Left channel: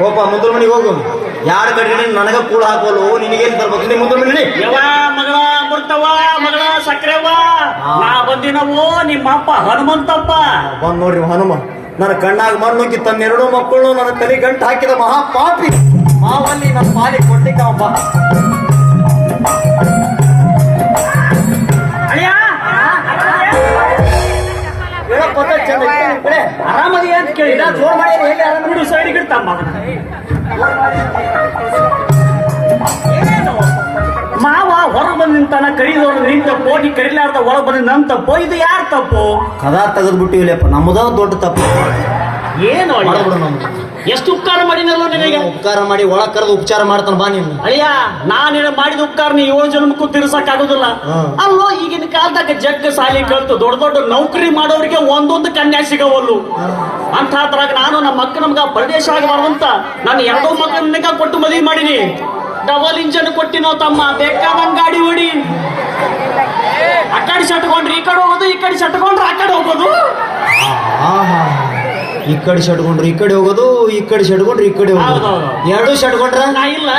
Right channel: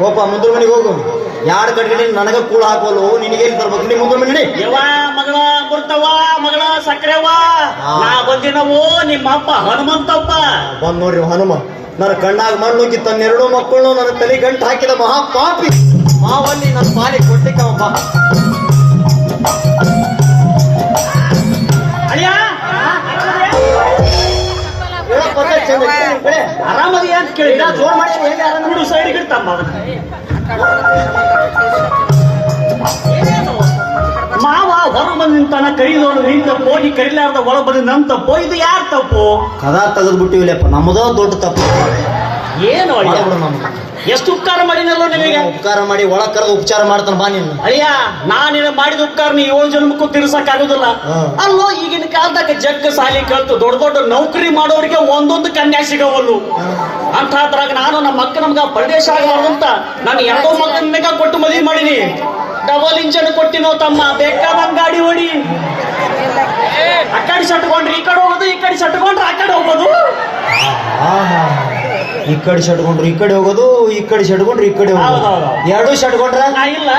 ಹೋಪ ಮುಂದ್ರ ಮನೆಗೆ ಹೋಗು. ಯಾರ ಕಡೆ ನನಗ ಕೂಡ ಹಾಕೋಲು ನಿನಗೆ ತರ್ಬೇಕು. ನೀ ಮುಂದ್ರ ಮನೆ ಯವ್ವ ಮಗಳ ಬರ್ತಾವ ಮಗಳ ಸಕ್ರೆವ ನಾ ಬಂದಿನವು ನಿಮ್ಮಪ್ಪ ಹನುಮಂತಪ್ಪ ಬಂದ್ ನೋಡ್ರಿ ಹನುಮ. ನನ್ನ ಕಣ್ಣಾಗ ಮಣ್ಣುಕ್ಕಿ ತನ್ನೆರಡು ಮಕ್ಕಳು ನನ್ನ ತಲೆ ಗಂಟು ಹಾಕಿದ ಮಹಾಪಾಪಿ ಮಾವಲ್ಲಿ ನನ್ನ ಪಾಲಿ ಕೊಟ್ಟಿಕ್ಕ ಒಬ್ಬ. ಅಯ್ಯ ಆರಾಮದಿ ಅಂತ ಕೇಳಿದ ಜೋರ್ ಮಾಡಿ ಹೇಗೆ ಆರಾಮ ಮೂರು ಸೈಡ್ಗೆ ತಮ್ಮ ಮಾವ ಹೊರ ಬಂದ ನಿಂತಾನ ಕೈದೋಡು ನಿಂತ ಕೋಟಿ ಕರಿಲಾರ್ದ ಒಳ ಬಂದ ನನ್ ತಪ್ಪು ಇದು ಯಾರ ತಪ್ಪು ಕದಾ ತೆಗೆದು ಬಿಟ್ಟಿವಿಲ್ಲಪ್ಪ. ನಮ್ಮದ ದೊಡ್ಡ ತಪ್ಪು. ಏನು ಒಳಬಿಡು ನಮ್ದು. ಎಷ್ಟು ಉಪಕಾರ ಮಾಡಿದಲ್ಲ ನಿನಗೆ. ಉಪಕಾರ ಮಾಡಿ ಒಳಗ್ ಕರೆದು ಉಪಚಾರ ಮಾಡ್ತಾನ ಬಾ ನೀನು. ಅಯ್ಯ ನಾನಿನ ಮಾಡಿದ ಉಪಕಾರ ನೀ 7 ಜನ್ಮಕ್ಕೂ ತೀರ್ಸಕ್ ಆಗುದಿಲ್ಲ. ಅಲ್ಲೋ ಈಗಿನ ಕಾಲದಾಗ ಜಗ್ಗ ಸಾಲಿ ಕಲ್ತು ದೊಡ್ಡ ದೊಡ್ಡ ನೌಕರಿ ಮಾಡೋರಿಗೆ ಒಂದೊಂದು ಕನ್ಯಾ ಸಿಗವಲ್ಲು. ಅಂತದ್ರಾಗ ನಾನು ನಮ್ಮ ಅಕ್ಕ ನಮ್ಗ ಪ್ರದೇಶ ಆಗಬಾರ್ದಂತ ನಾನು 2 ಮಕ್ಕಳನ್ನ ಕೊಟ್ಟು ಮದುವೆ ಮಾಡೀನಿ. ಡಬಲ್ ಇಂಜನ್ ಕೊಟ್ಟಿನೋ ತಮ್ಮ ಬೇಕಾದಂಗ ಗಾಡಿ ಹೊಡಿ. ಆ ಕಡೆ ಸಟ್ಕೊಂಡ್ರೆ ಈ ಕಡೆ ಹೋಗೋದು, ಈ ಕಡೆ ಸಟ್ಕೊಂಡ್ರೆ ಆ ಕಡೆ ಹೋಗೋದು. ಈ ಕಡೆ ಸಟ್ಕೊಂಡ್ರೆ ಈ ಕಡೆ ಹೋಗೋದು, ಈ ಕಡೆ ಸಟ್ಕೊಂಡ್ರೆ ಈ ಕಡೆ ಹೋಗೋದು. ಎರಡು ಸಟ್ಕೊಂಡ್ರ ನಾ ಇಲ್ಲ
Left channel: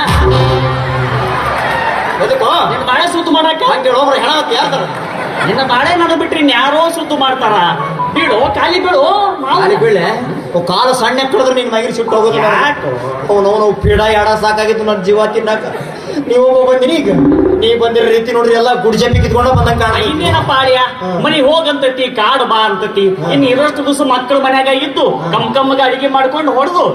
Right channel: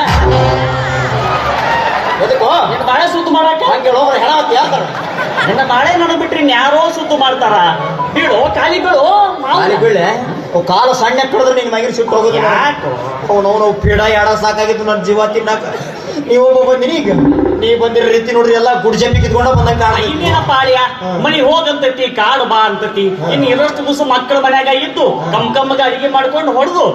ಎದಕ್ಕೋ ನಿನ್ನ ಬಾಳೆ ಸುತ್ತು ಮಾಡಕ್ಕೆ ಹಂಗೆ ಹೇಳೋಬ್ರ ಹೆಣ ಯಾರ್ದಾರ ನಿನ್ನ ಬಾಳೆ ಮಾಡಿ ಬಿಟ್ರಿ ಯಾರೋ ಸುತ್ತು ಮಾಡ್ತಾರ. ಬೀಳು ಖಾಲಿ ಬೀಳು ಅಲ್ಲಿ ಬೀಳೆ ಕಾಲ ಸಣ್ಣ ಕಡಿದ್ರೆ ನಿನ್ ಮಗಿನ ಸುಟ್ಟು ಹೋಗೋದು. ನಾವು ಪೀಡ ಎಡ ಸಾಕಾಗಿದ್ದು ನನ್ನ ಜೀವ ತಿನ್ನಾಕ. ನೀವು ಬಂದಿನಿ ಈಗ ನೀ ಬಂದಿರ ರೀತಿ ನೋಡ್ರಿ ಎಲ್ಲ ಗುಡ್ಜೆಪ್ಪಿ ಕಿತ್ಕೊಂಡ ಬಂದಂಗ ಇನ್ನೇನಪ್ಪ ಆಳಿಯ ಮನಿ ಹೋಗಂತತಿ ಕಾಡು ಬಾ ಅಂತತಿ. ಇನ್ ಇರೋಷ್ಟು ದಿವಸ ಮಕ್ಕಳ ಮನ್ಯಾಗ ಇದ್ದು ಕಮ್ ಕಮ್ಮಗೆ ಅಡಿಗೆ ಮಾಡ್ಕೊಂಡು ಹೊಡೆದು